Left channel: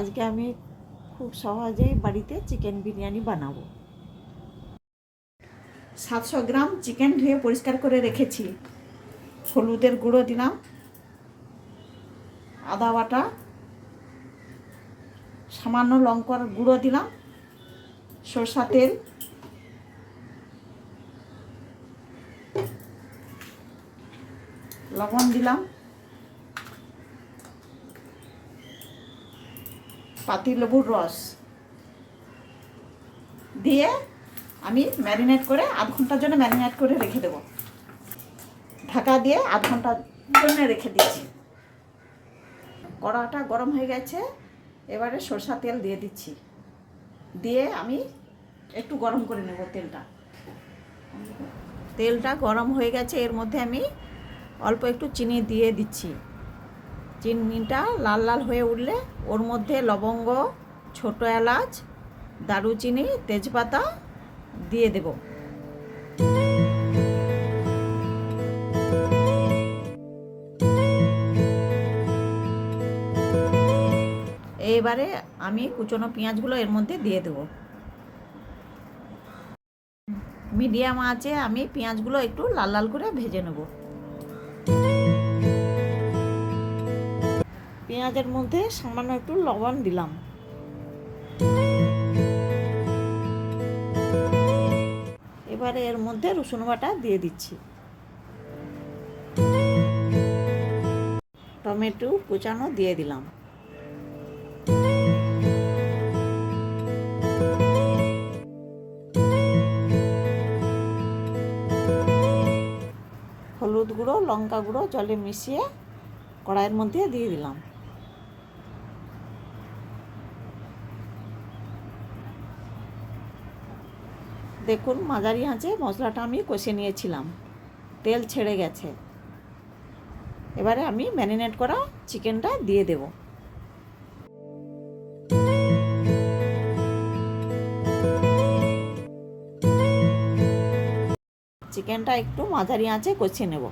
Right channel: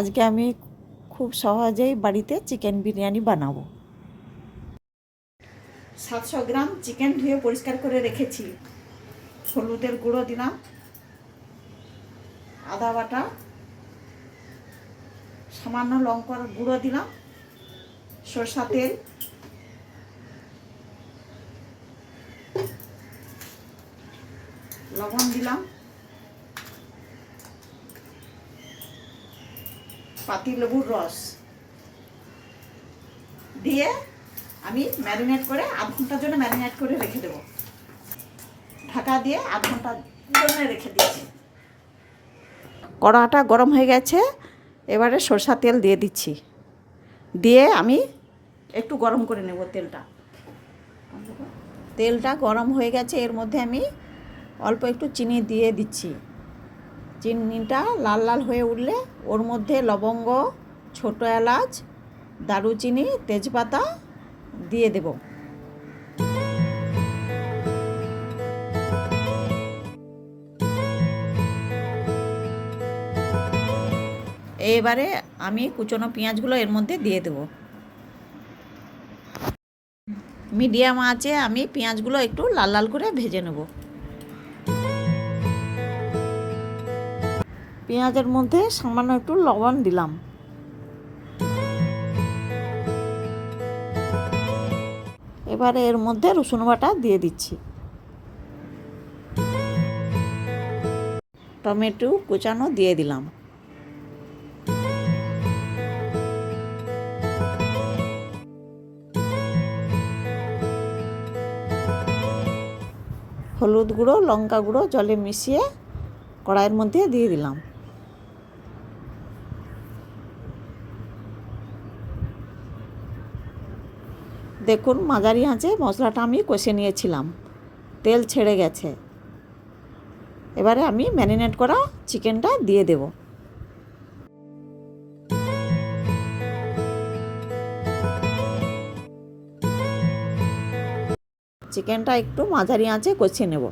আজকে আমি খুব সহজেই বাড়িতে চিকেন বিরিয়ানি বানাবো। 700 গ্রাম চিকেন ধুয়ে পরিষ্কার করে রেখেছি। হলুদের গুঁড়ো দিলাম, আদা বাটা, সামান্য লঙ্কার গুঁড়ো দিলাম, সরষা তেল, লবণ দিলাম, পাতিলেবুর রস দিয়ে আমি ম্যারিনেট করে আধ ঘন্টার জন্য ম্যারিনেট করে রেখে দেবো। ঢাকা দিয়ে আধ ঘন্টার জন্য রেখে দিচ্ছি। কড়াটা গরম হয়ে গেছে, এবারে সরষা তেল দিয়ে দিচ্ছি। দিয়ে আমি একটু গরম করে নেব তেলটা গরম হয়ে গেছে। এর মধ্যে আমি অল্প একটু চিনি দিয়ে দিচ্ছি। চিনিটা লাল লাল হয়ে উঠলে ওর মধ্যে লবঙ্গ, ছোট এলাচ, দারুচিনি, তেজপাতা দিয়ে দেব। এবারে আমি কুচনো পেঁয়াজগুলো এর মধ্যে দিয়ে দেব। মিডিয়াম আঁচে আমি পেঁয়াজগুলো একটু লাল লাল করে ভেজে নেব। পেঁয়াজের মধ্যে সামান্য একটু লবণ দিলাম। এবারে এর মধ্যে রসুন বাটা দিয়ে দিচ্ছি। টমেটো কুচানো দিয়ে দিলাম। হলুদ গুঁড়ো, লঙ্কা গুঁড়ো জলে মিশিয়ে কড়াইয়ের মধ্যে দিয়ে দিলাম। দেখুন মাঝারি আঁচে মশলাটা আমি কষে নিয়েছিলাম, তেল ছেড়ে গেছে। এবারে আমি ম্যারিনেট করা চিকেনটা দিয়ে দেব। চিকেনটা একটু মাঝারি আঁচে কষিয়ে নেব।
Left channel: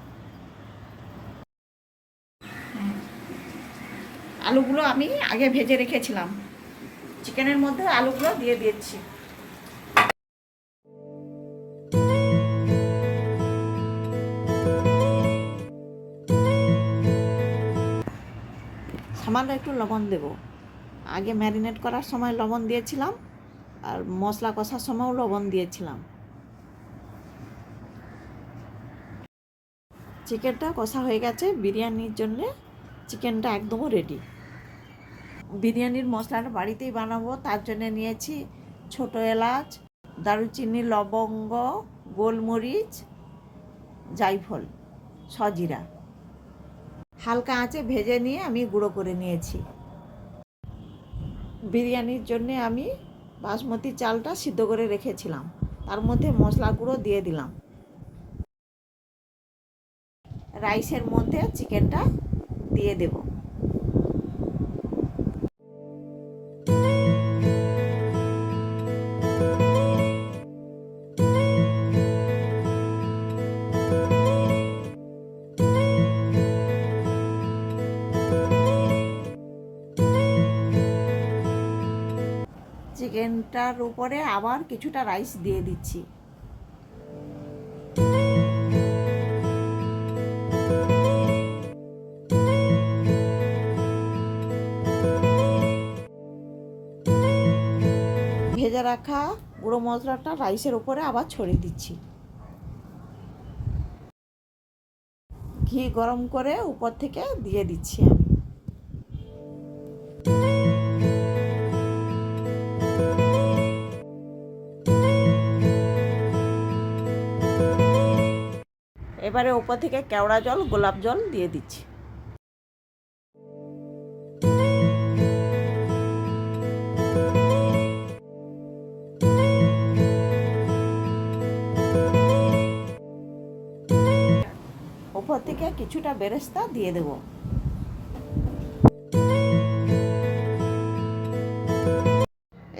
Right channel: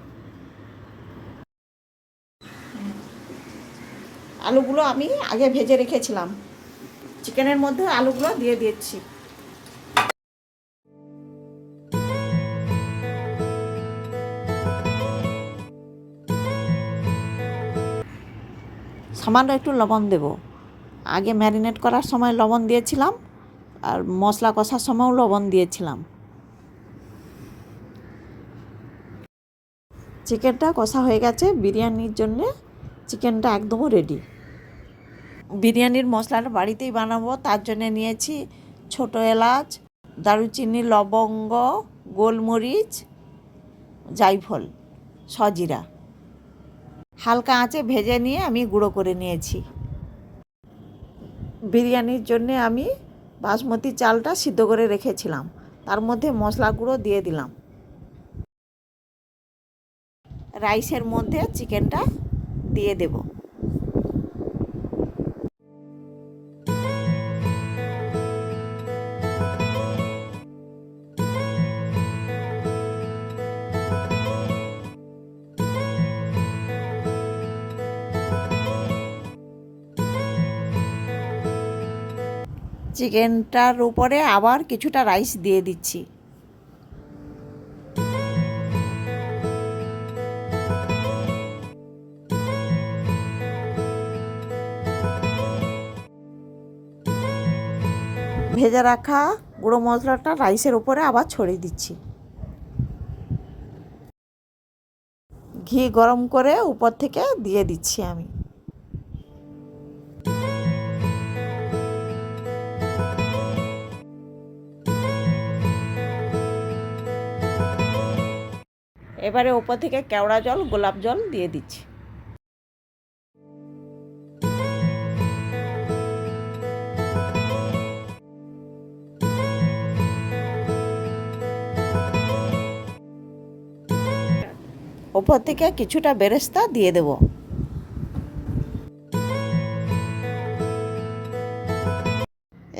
আলুগুলো আমি আগে ভেজে রেখেছিলাম, চিকেনের মধ্যে আলুগুলো দিয়ে দিচ্ছি। সামান্য একটু লবণ দেব। আগে ম্যারিনেট করার সময় লবণ দিয়েছিলাম, আর মশলা কষার সময়ও লবণ দিয়েছিলাম। চিকেনটা কষা হয়ে গেছে। বিরিয়ানির জন্য চিকেনটা একদম রেডি। বিরিয়ানির মশলাটা বাড়িতেই বানাবো, তার জন্য নিয়েছি ছোট এলাচ, দারুচিনি, লবঙ্গ, গোলমরিচ, জায়ফল, সজিরা। হালকা আঁচে ভেজে নিয়ে আমি গুঁড়ো করে নিয়েছি। বিরিয়ানির জন্যে আমি বাসমতি চালটা সিদ্ধ করে রেখেছিলাম, তার মধ্যে মশলা গুঁড়ো দিয়ে দিলাম। রাইসের মধ্যে চিকেনটা দিয়ে দেব। চিকেনটার উপরে আবার কিছুটা রাইস দিয়ে দিচ্ছি। ভেজে রাখা গুঁড়ো মশলাটা রাইসের উপরে আবার ছড়িয়ে দিচ্ছি। ঘি গরম করে উপর থেকে দিয়ে দিচ্ছি আমি। এবারে উপর থেকে কেওড়া জল, গোলাপ জল দিয়ে দিচ্ছি। উপর থেকে কিছুটা বেরেস্তা দিয়ে দেব।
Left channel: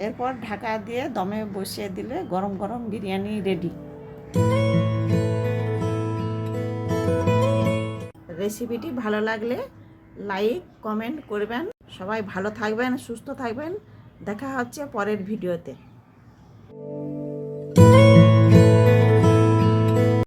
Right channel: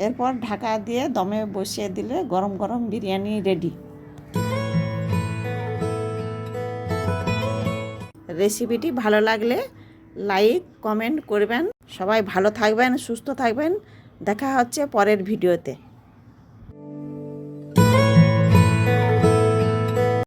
এরপর ঢাকা দিয়ে দমে বসিয়ে দিলে গরম গরম বিরিয়ানি রেডি। রেসিপিটি ভালো লাগলে লাইক, কমেন্ট করবেন। সবাই ভালো থাকবেন, সুস্থ থাকবেন। দেখা হচ্ছে পরের ভিডিওতে।